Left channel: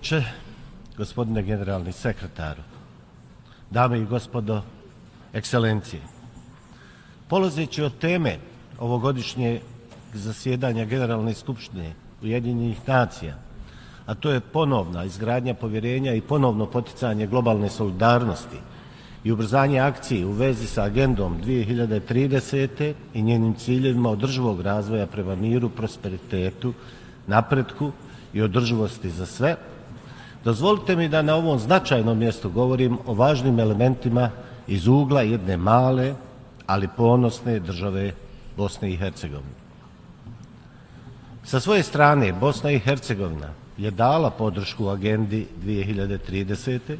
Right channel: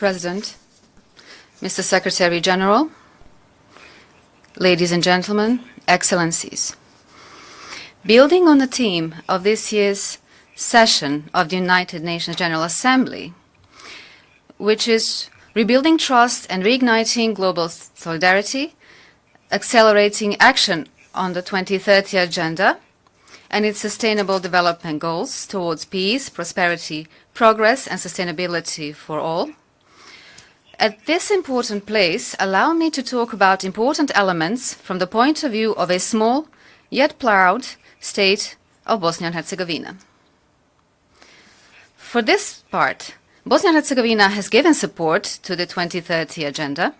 President, Mr. Secretary General, ladies and gentlemen, excellencies. Building on the theme of this year's session of the United Nations General Assembly, which is rebuilding trust and reigniting global solidarity, accelerating action on the 2030 Agenda and its sustainable development goals towards peace, prosperity, progress and sustainability for all. At this important place, allow me to talk about important elements from the point of view of a small, yet proud state of Bosnia and Herzegovina. For this part, Bosnia and Herzegovina has given support to the 2030 Agenda,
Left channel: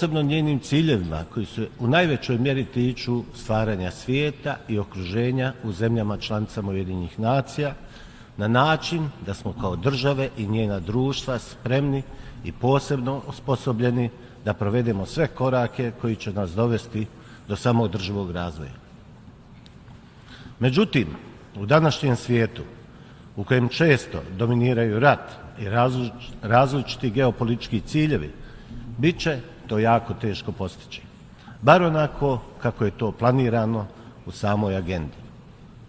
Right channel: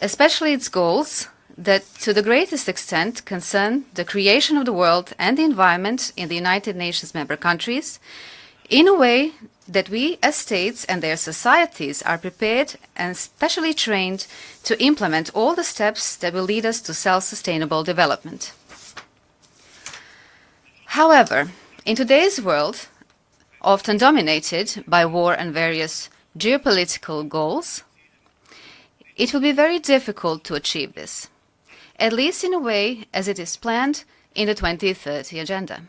especially its goals that to the greatest extent concern the creation of the world and the environment in the United Nations member countries, in a way that we as states and their societies are prepared and specially trained to implement all the steps that will lead us to self-sustainable development. However, in today's world, often dominated by war and various geopolitical goals, it will be very difficult to achieve this, at least in a way as it is planned in the 2030 Agenda.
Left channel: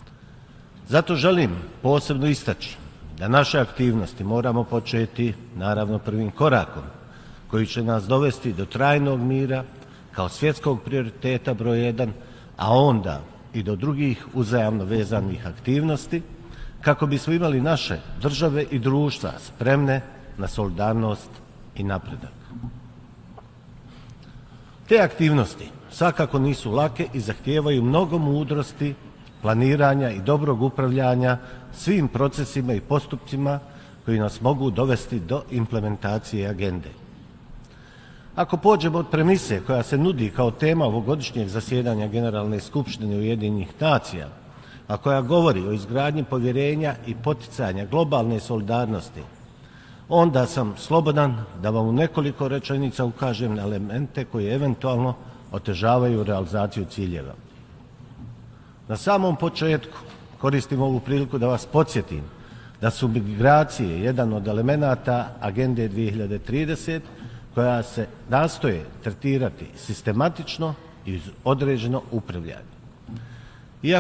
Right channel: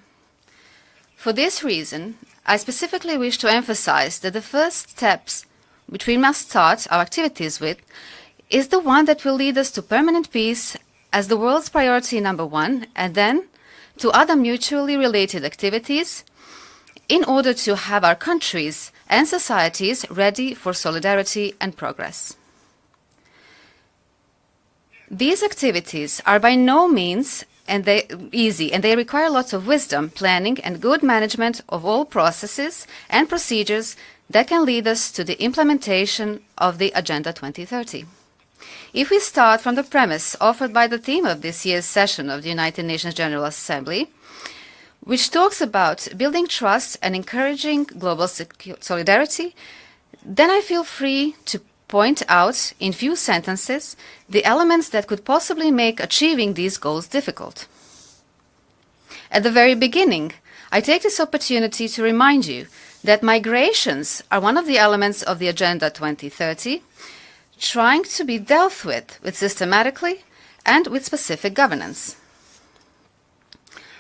For this reason, I specifically wish to emphasize that the first steps which we must start our activities with is the one that will lead us to permanent peace as the world's priority number one, and then to other mutually related activities in order to have our countries and societies ready for solidarity and progress. These activities are by no means easy, and they require lots of wisdom, planning and good management of all processes and procedures that can lead us to the implementation of the Agenda 2030. If we start from the premise offered by the theme of this year's session of the United Nations General Assembly, which talks about building trust and encouraging global solidarity, then I feel free to point out in few sentences the elements that could possibly make achieving these goals difficult. At the very beginning, I take this opportunity to remind you that migrations are one of the elements of the Agenda 2030, trying to be dealt with systematically and with specific governance.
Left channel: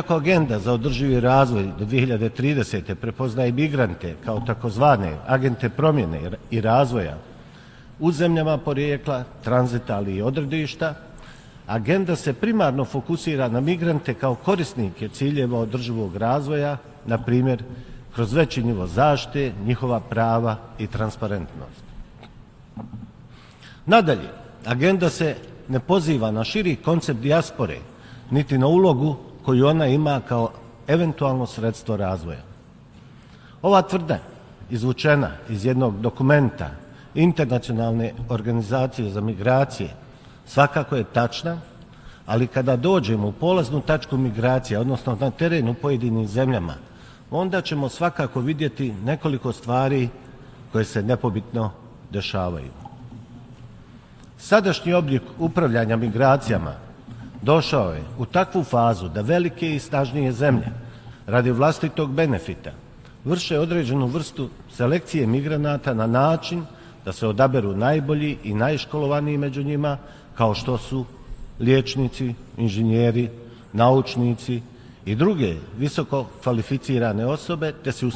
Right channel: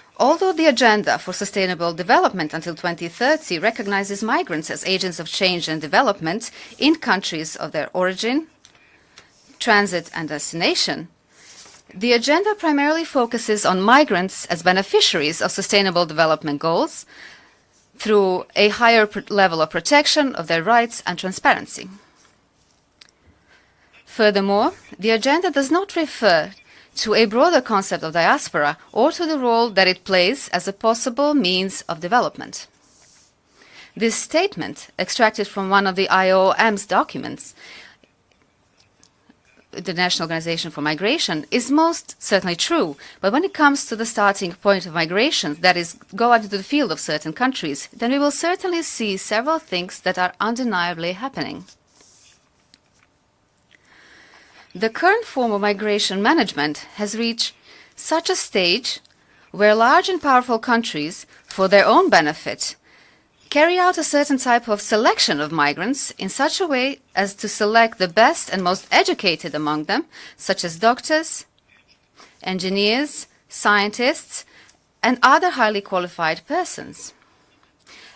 Although the Agenda for Sustainable Development until 2030 recognizes migrants as agents of change and development in countries of their origin, transit and destination, the Agenda primarily focuses on migrants as beneficiaries of sustainable development goals through a higher level of protection of their rights and transparency. Furthermore, the Agenda does not refer to a broader concept of diaspora or to the role that it plays as a possible means of development. This statement, extracted from one of the IOM's documents, International Organization for Migration, is most certainly true, but when it comes to the starting point of migration, that is, go out of the field of certain countries, then we will certainly see several things that are undeniably happening. The current form of migration management has reached such a stage where large and powerful countries, for their own benefit, carry out a certain type of selection of migrants in such a way as to select the best and most educated among them, such as doctors, engineers, scientists, and other highly qualified persons,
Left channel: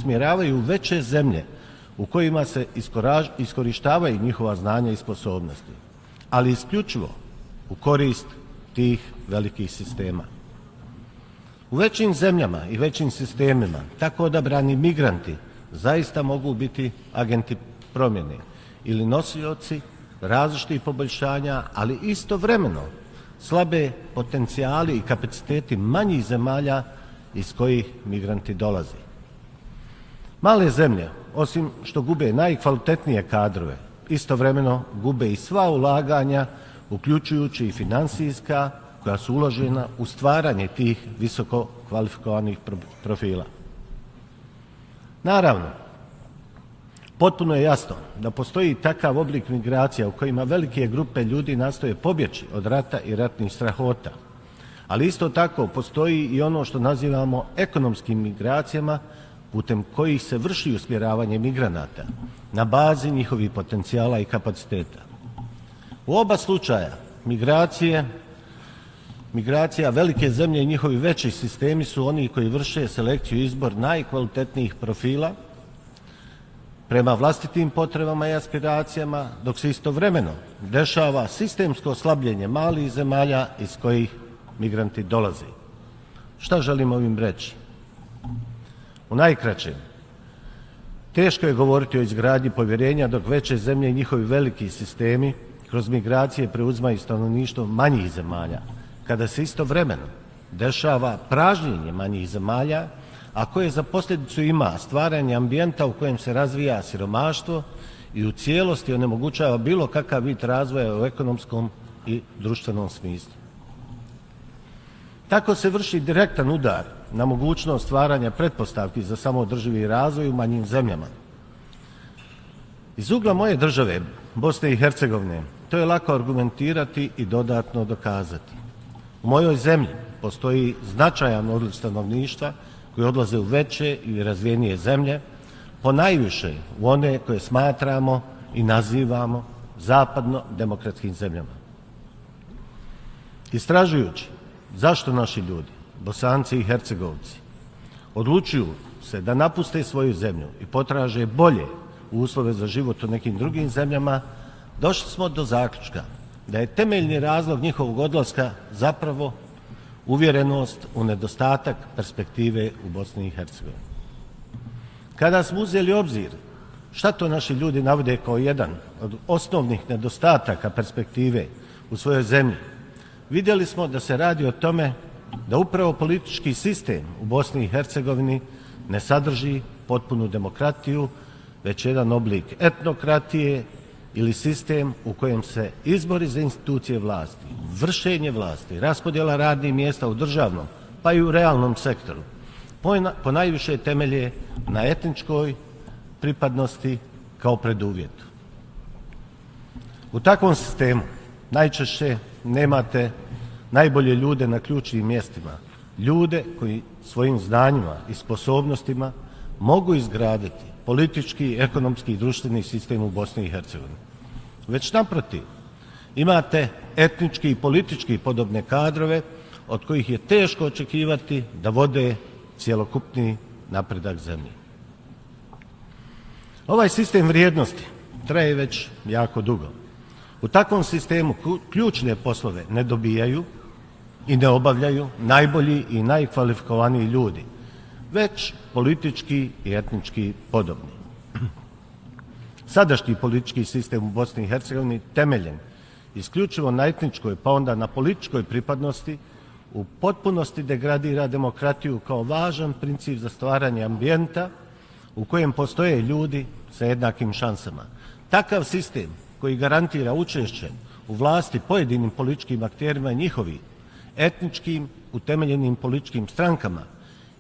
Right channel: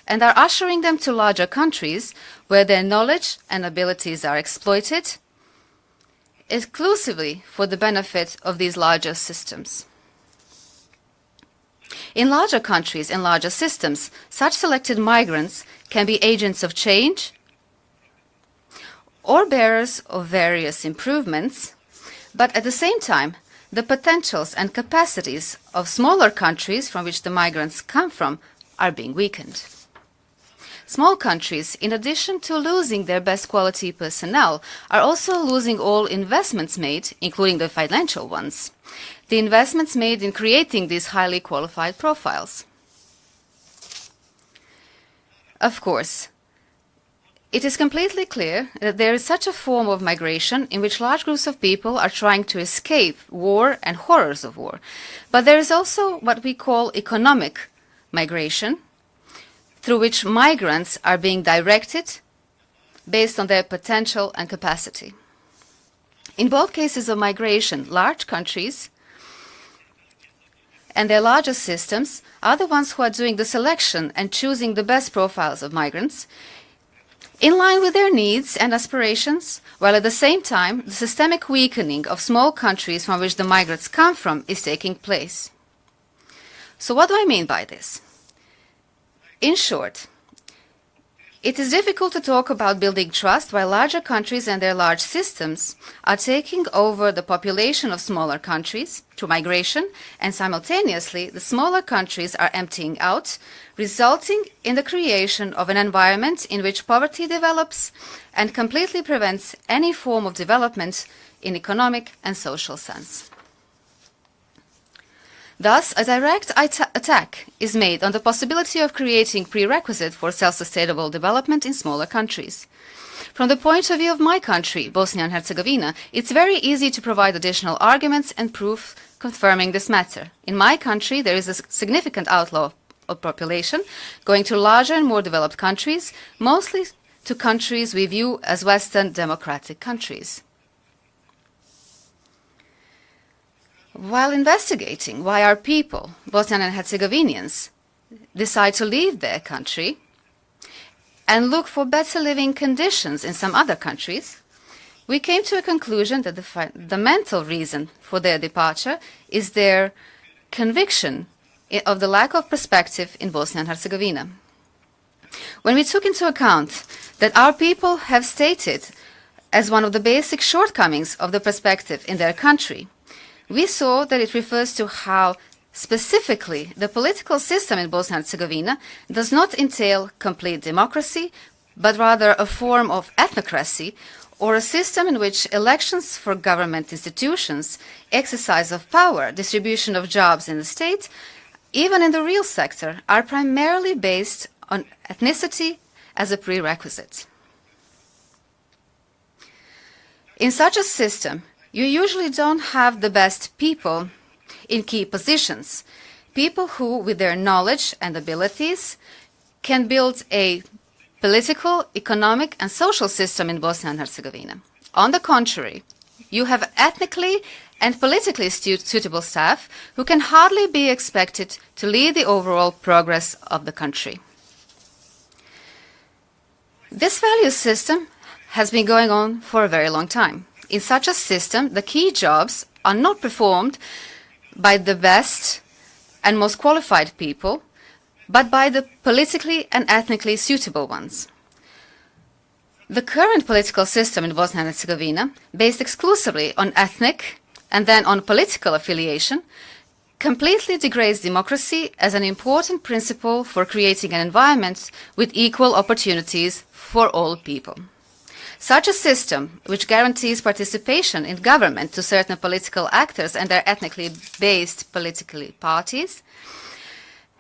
and are ushering them to larger countries where their knowledge and abilities are exploited exclusively for the benefit of these larger systems. In larger countries and larger systems, such selected migrants can be agents of change or bearers of various improvements, but at the same time, the potentials and capacities of smaller countries from which the migrants come from are being weakened. Small countries, in addition to losing their best quality personnel, are also losing all investments made, including the financial ones, the investments made in creating these highly qualified profiles. Of course, it is completely clear that there is such a form of migration in which large groups of people are trying to escape war and horrors of war. But there is also what we call economic migration, through which migrants are being directed based on their potential and capacity. In both cases of migration, large countries and their largest systems are the ones who are doing the selection and choosing the best profiles of migrants in line with their needs and aspirations, while at the same time, systemic weakening of small countries from which the migrants come from is taking place. So what do I mean by this? In short, it is difficult to talk about building trust while larger countries and their large systems are taking over the population of smaller countries through migration, and simultaneously smaller countries are emptying out, resulting in the creation of an environment in which poverty develops and completely prevents any form of development in economic and social sense. Thus, a direct attack is made on the possibility of creating prerequisites for self-sustainable development in smaller countries. From the point of view of my country, Bosnia and Herzegovina, it's very easy to provide additional arguments and proof confirming this matter. In my country, there is a significant outflow of population going to larger and more developed countries, mostly to countries we view as Western democratic countries. While investigating why our people, Bosnian and Herzegovinians, decide to leave their country and look for better living conditions in some other countries, we came to a conclusion that the fundamental reason for their departure is their conviction of the lack of perspective in Bosnia and Herzegovina. When we took into account that our people have stated as one of the basic shortcomings of the perspective in their country, we saw that it refers to how, specifically, the political system in Bosnia and Herzegovina does not entail complete democracy, but rather a form of ethnocracy, or a system in which elections for government institutions, exercise of power, distribution of jobs in the state, even in the real sector, are primarily based on ethnicity as a prerequisite. In such a system, you usually don't have the best people in key positions, people who, with their knowledge and abilities, can build a political, economic and social system in Bosnia and Herzegovina. On the contrary, you have ethnically and politically suitable staff who can hardly be expected to lead the overall progress of the country. This value system has been going on for a very long time. In such a system, the key jobs are not performed by the best and most qualified people, but by the politically and ethnically suitable ones. The current political system in Bosnia and Herzegovina, based exclusively on ethnic and then on political affiliation, completely degrades democracy as an important principle for creating an environment with equal opportunities for all people. Such a system, which guarantees participation in government to certain political actors and their ethnically based political parties, has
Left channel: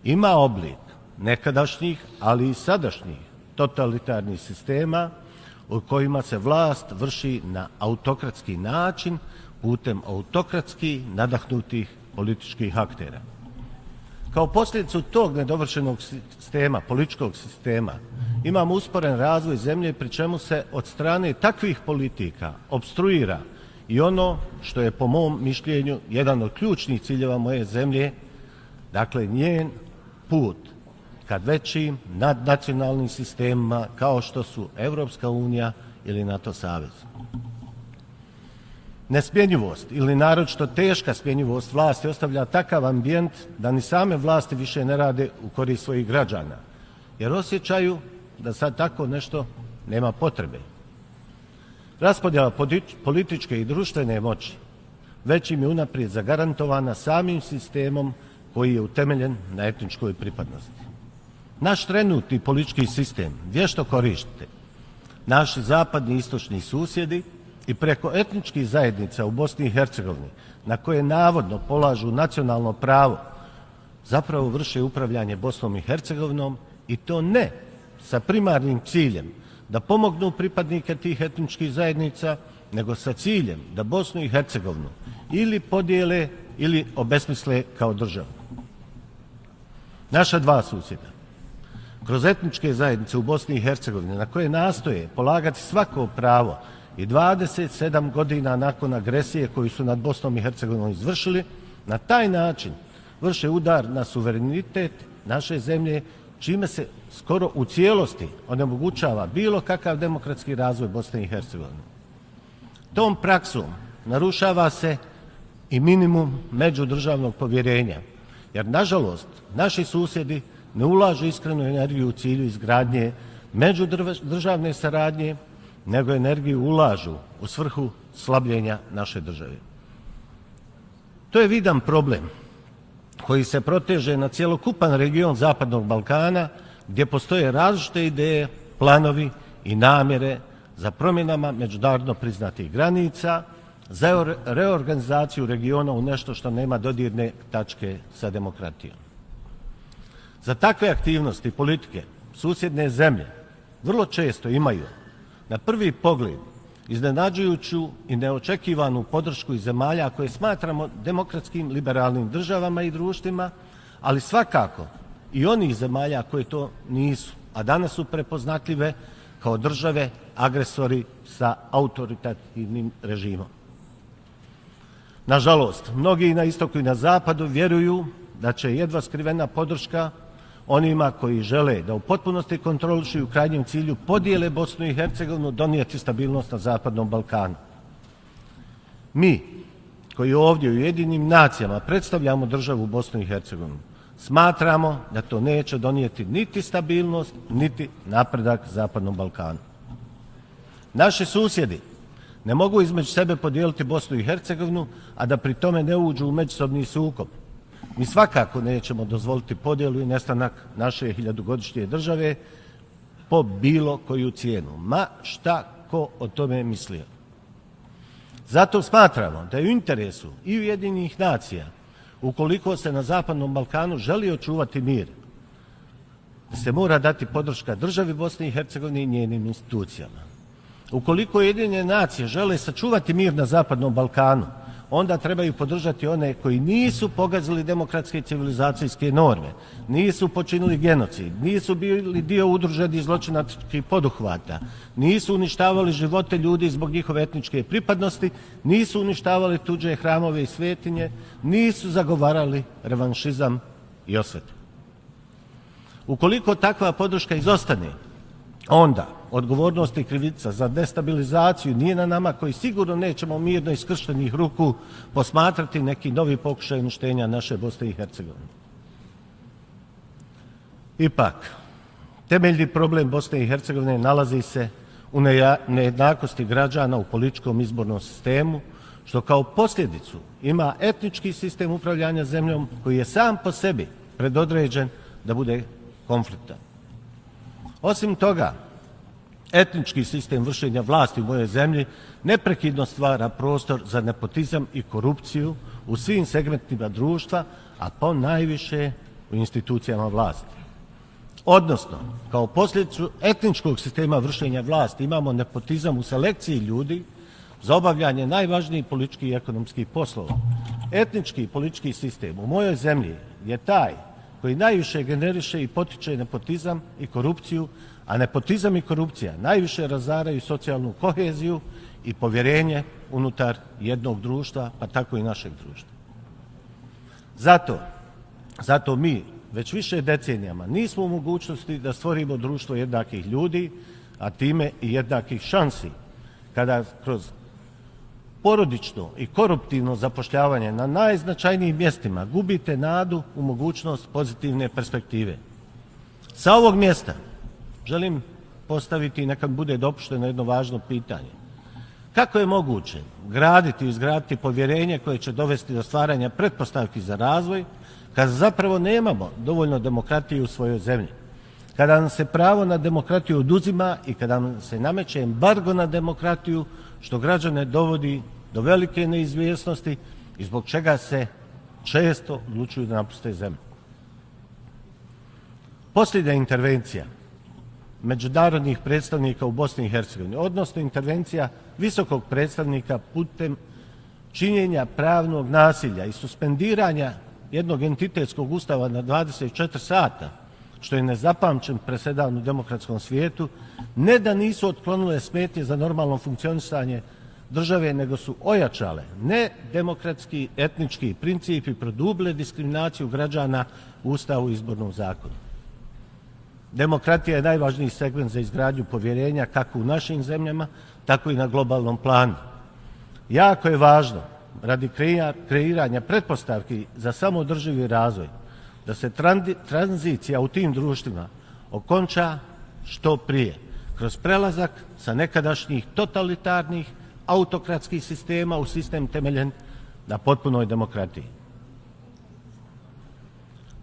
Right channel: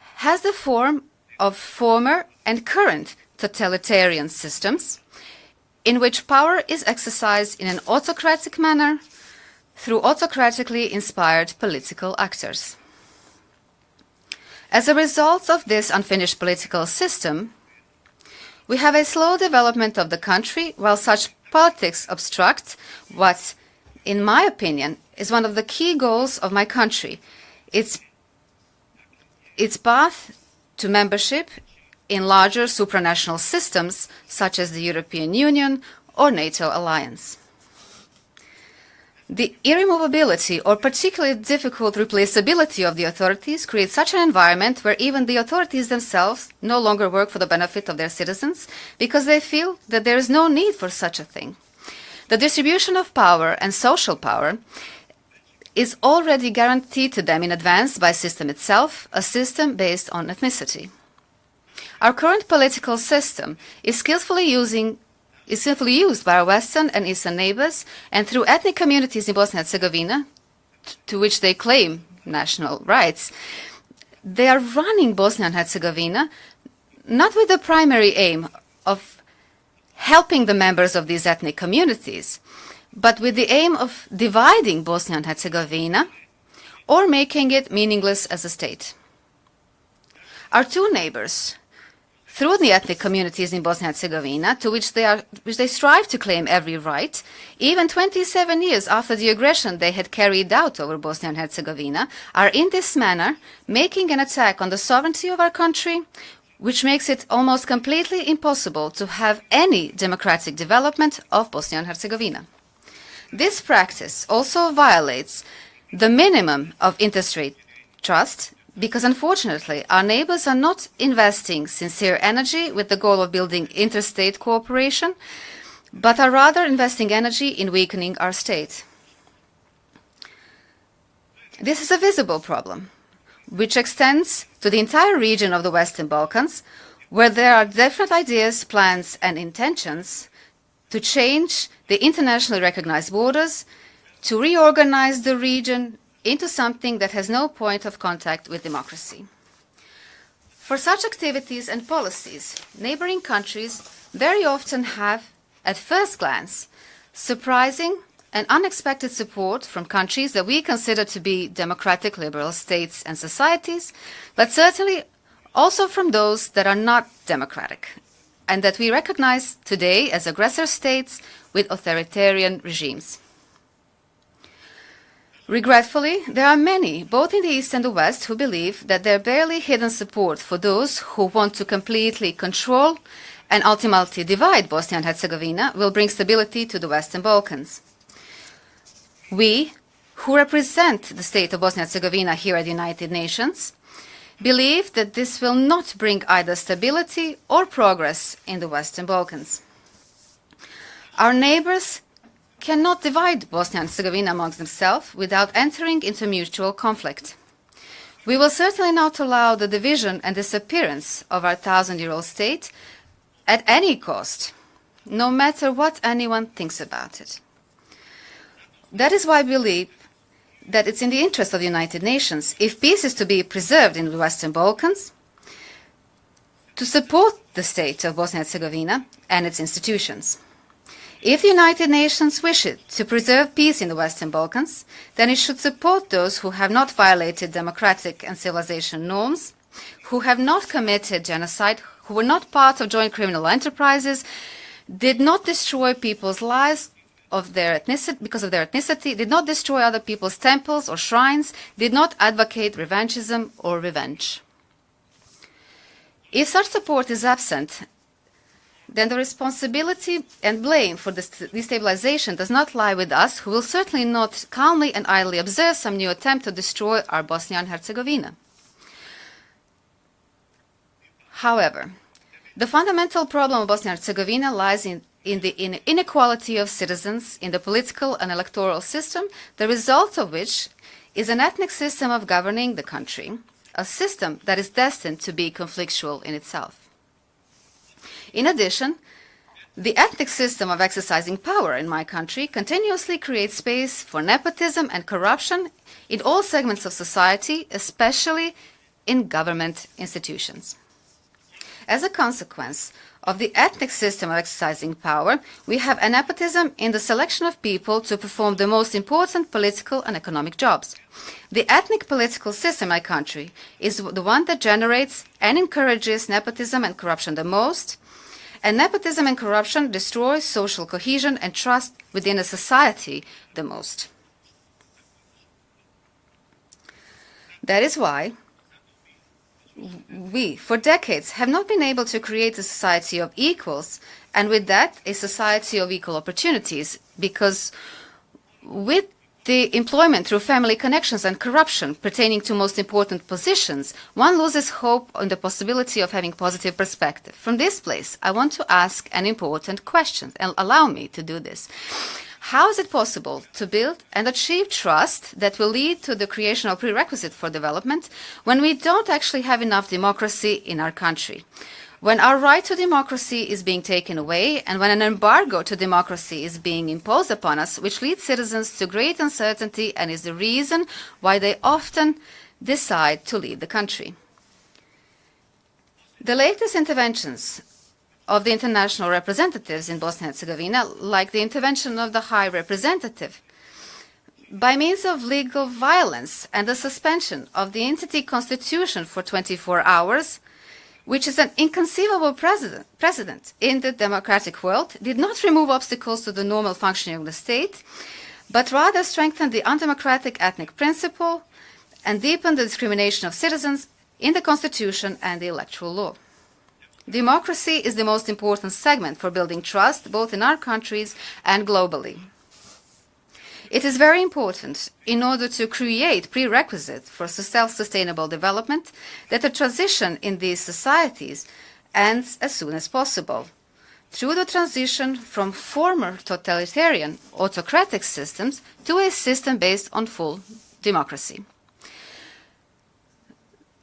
the form of former and current totalitarian systems, in which power is exercised in an autocratic manner through autocratically inspired political actors. As a result of this unfinished political system, we have a slow development of the country, while such politics obstruct what, in my opinion, is one of the key goals of my country, its path to membership in larger supranational systems such as the European Union or NATO alliance. The irremovability or particularly difficult replaceability of the authorities creates such an environment where even the authorities themselves no longer work for the benefit of their citizens because they feel that there is no need for such a thing. The distribution of power and social power is already guaranteed to them in advance by the system itself, a system based on ethnicity. Our current political system is skillfully used by our Western and Eastern neighbors and through ethnic communities in Bosnia and Herzegovina, to which they claim national rights. They are running Bosnia and Herzegovina not with the primary aim of helping the members of these ethnic communities, but with the aim of dividing Bosnia and Herzegovina or making it meaningless as a state. Our two neighbors, through the ethnic communities in Bosnia and Herzegovina, to which they strive to claim every right, even 27 years after the aggression they had carried out over Bosnia and Herzegovina, are in this manner making an attack on the sovereignty of our country, which makes it almost completely impossible to have any democratic development of Bosnia and Herzegovina. This practice also violates the minimum of interstate trust, because unfortunately our neighbors are not investing sincere energy with the goal of building interstate cooperation, but are rather investing energy in weakening our state. This is a visible problem, which extends to the entire region of the Western Balkans, where there are definite ideas, plans and intentions to change the internationally recognized borders, to reorganize the region into something that has no point of contact with democracy. For such activities and policies, neighboring countries very often have, at first glance, surprising and unexpected support from countries that we consider to be democratic liberal states and societies, but certainly also from those that are not democratic, and that we recognize today as aggressor states with authoritarian regimes. Regretfully, there are many, both in the East and the West, who believe that their barely hidden support for those who want to completely control and ultimately divide Bosnia and Herzegovina will bring stability to the Western Balkans. We, who represent the state of Bosnia and Herzegovina here at the United Nations, believe that this will not bring either stability or progress in the Western Balkans. Our neighbors cannot divide Bosnia and Herzegovina amongst themselves without entering into mutual conflict. We will certainly not allow the division and disappearance of our 1,000-year-old state at any cost, no matter what anyone thinks about it. That is why we believe that it's in the interest of the United Nations, if peace is to be preserved in the Western Balkans, to support the state of Bosnia and Herzegovina and its institutions. If the United Nations wishes to preserve peace in the Western Balkans, then it should support those who have not violated democratic and civilization norms, who have not committed genocide, who were not part of joint criminal enterprises, did not destroy people's lives because of their ethnicity, did not destroy other people's temples or shrines, did not advocate revanchism or revenge. If such support is absent, then the responsibility and blame for this destabilization does not lie with us, who will certainly not calmly and idly observe some new attempt to destroy our Bosnia and Herzegovina. However, the fundamental problem of Bosnia and Herzegovina lies in the inequality of citizens in the political and electoral system, the result of which is an ethnic system of governing the country, a system that is destined to be conflictual in itself. In addition, the ethnic system of exercising power in my country continuously creates space for nepotism and corruption in all segments of society, especially in government institutions. As a consequence of the ethnic system of exercising power, we have a nepotism in the selection of people to perform the most important political and economic jobs. The ethnic political system in my country is the one that generates and encourages nepotism and corruption the most, and nepotism and corruption destroys social cohesion and trust within a society the most. That is why we, for decades, have not been able to create a society of equals, and with that, a society of equal opportunities, because with the employment through family connections and corruption pertaining to most important positions, one loses hope in the possibility of having positive perspective. From this place, I want to ask an important question, and allow me to do this. How is it possible to build and achieve trust that will lead to the creation of prerequisites for development when we don't actually have enough democracy in our country? When our right to democracy is being taken away, and when an embargo to democracy is being imposed upon us, which leads citizens to great uncertainty and is the reason why they often decide to leave the country. The latest interventions of the international representatives in Bosnia and Herzegovina, like the intervention of the High Representative, by means of legal violence and the suspension of the entity constitution for 24 hours, which is an inconceivable precedent in the democratic world, did not remove obstacles to the normal functioning of the state, but rather strengthened the undemocratic ethnic principle and deepened the discrimination of citizens in the constitution and the electoral law. Democracy is the most important segment for building trust both in our countries and globally. It is very important, in order to create prerequisites for self-sustainable development, that the transition in these societies ends as soon as possible. Through the transition from former totalitarian, autocratic systems to a system based on full democracy.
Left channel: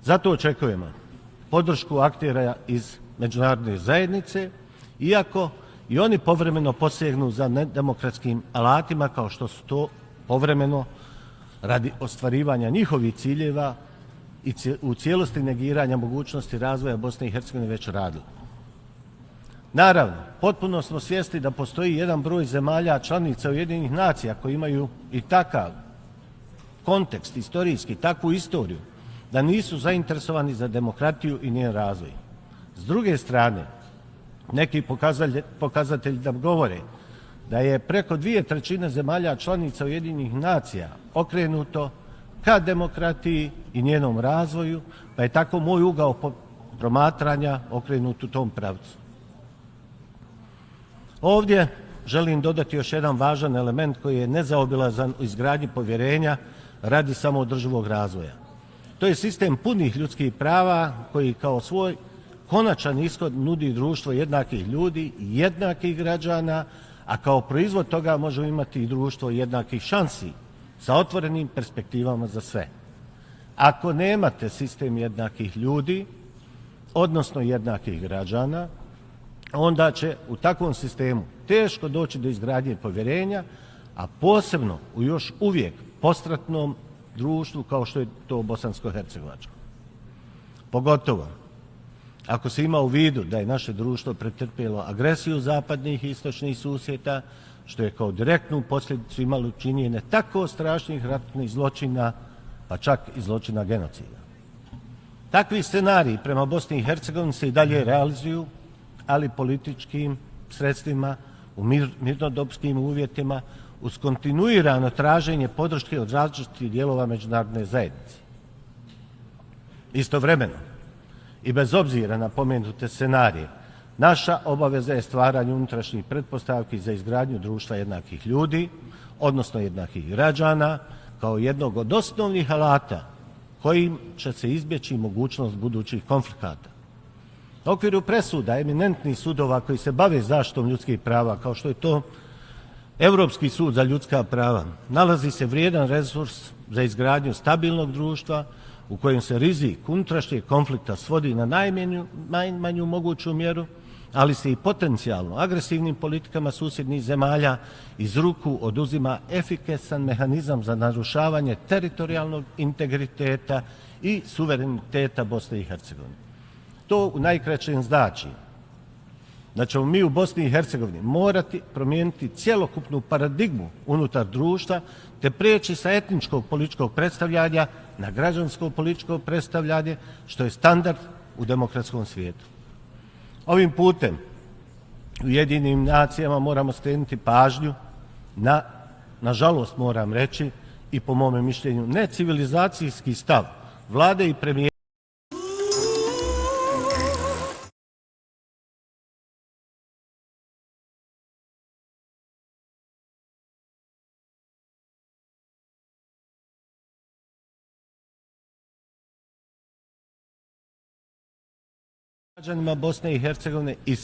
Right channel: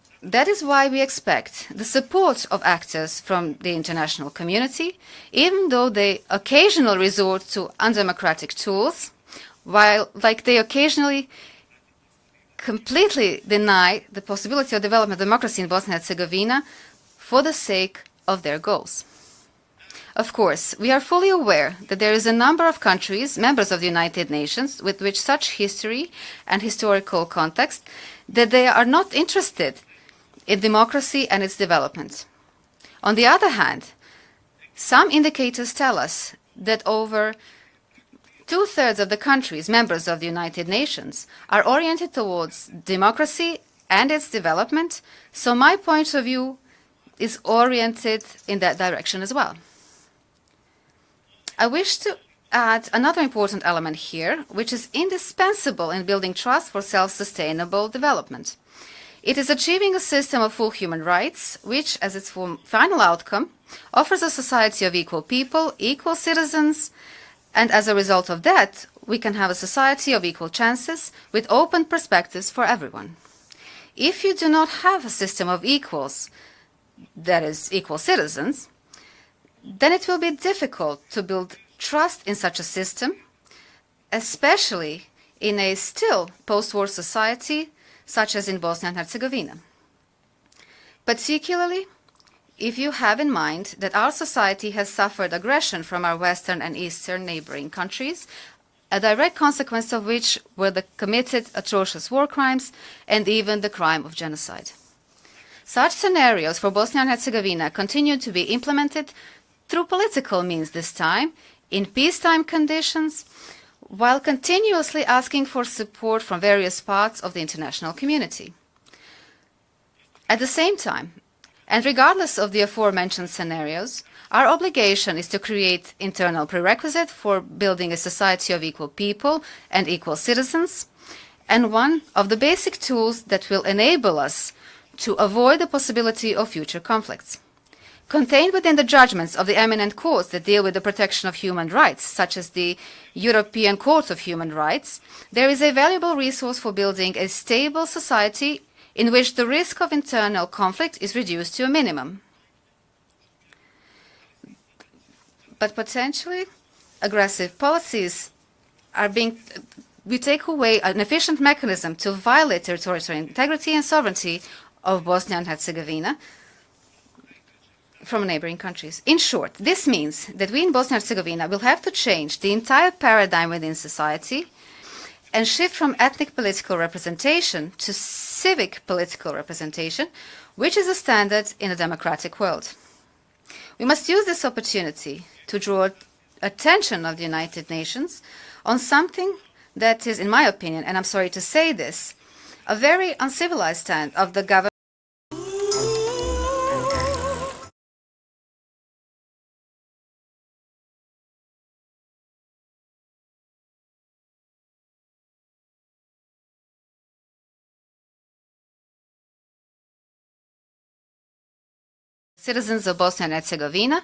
That is why we expect the support of actors from the international community, even though they occasionally resort to undemocratic tools, while they occasionally completely deny the possibility of developing democracy in Bosnia and Herzegovina for the sake of their goals. Of course, we are fully aware that there is a number of countries, members of the United Nations, with which such history and historical context, that they are not interested in democracy and its development. On the other hand, some indicators tell us that over two-thirds of the countries, members of the United Nations, are oriented towards democracy and its development, so my point of view is oriented in that direction as well. I wish to add another important element here, which is indispensable in building trust for self-sustainable development. It is achieving a system of full human rights, which, as its final outcome, offers a society of equal people, equal citizens, and as a result of that, we can have a society of equal chances with open perspectives for everyone. If you do not have a system of equals, that is, equal citizens, then it will be difficult to build trust in such a system, especially in a still post-war society such as in Bosnia and Herzegovina. Particularly, if you have in mind that our society has suffered aggression from our western and eastern neighboring countries, a direct consequence of which were the committed atrocious war crimes and even the crime of genocide. Such scenarios for Bosnia and Herzegovina continue to be implemented through political means this time, in peacetime conditions, while continuously asking for support from various parts of the international community. At the same time, and regardless of the aforementioned scenarios, our obligation is to create internal prerequisites for building a society of equal people and equal citizens, and one of the basic tools that will enable us to avoid the possibility of future conflicts. Contained within the judgments of the eminent courts that deal with the protection of human rights, such as the European Court of Human Rights, there is a valuable resource for building a stable society in which the risk of internal conflict is reduced to a minimum. But potentially, aggressive policies we take away an efficient mechanism to violate territorial integrity and sovereignty of Bosnia and Herzegovina from neighboring countries. In short, this means that we in Bosnia and Herzegovina will have to change the entire paradigm within society and shift from ethnic political representation to civic political representation, which is a standard in a democratic world. We must use this opportunity to draw attention of the United Nations on something that is, in my opinion, and I'm sorry to say this, a very uncivilized stand of the government. Citizens of Bosnia and Herzegovina,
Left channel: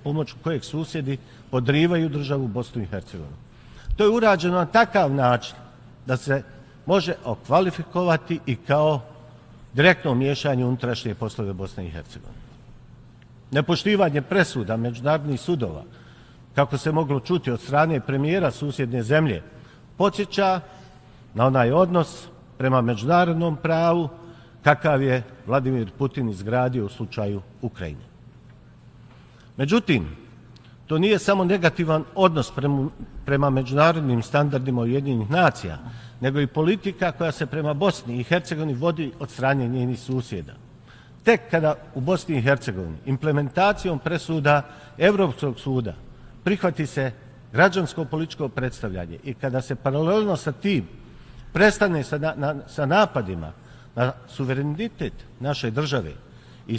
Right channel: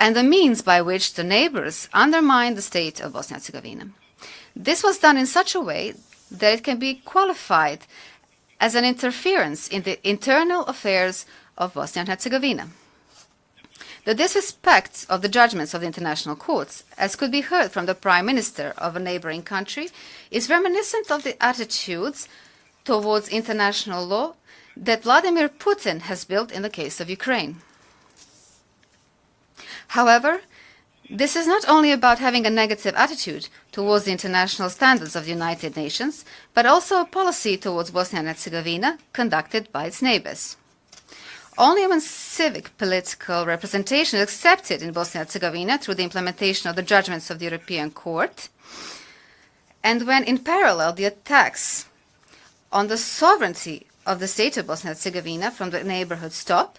and the means by which the neighbors undermine the state of Bosnia and Herzegovina. This was done in such a way that it can be qualified as an interference in the internal affairs of Bosnia and Herzegovina. The disrespect of the judgments of the international courts, as could be heard from the Prime Minister of a neighboring country, is reminiscent of the attitudes towards international law that Vladimir Putin has built in the case of Ukraine. However, this is not only about having a negative attitude towards the international standards of the United Nations, but also a policy towards Bosnia and Herzegovina conducted by its neighbors. Only when civic political representation is accepted in Bosnia and Herzegovina through the implementation of the judgments of the European Court, and when in parallel the attacks on the sovereignty of the state of Bosnia and Herzegovina from the neighborhood stop,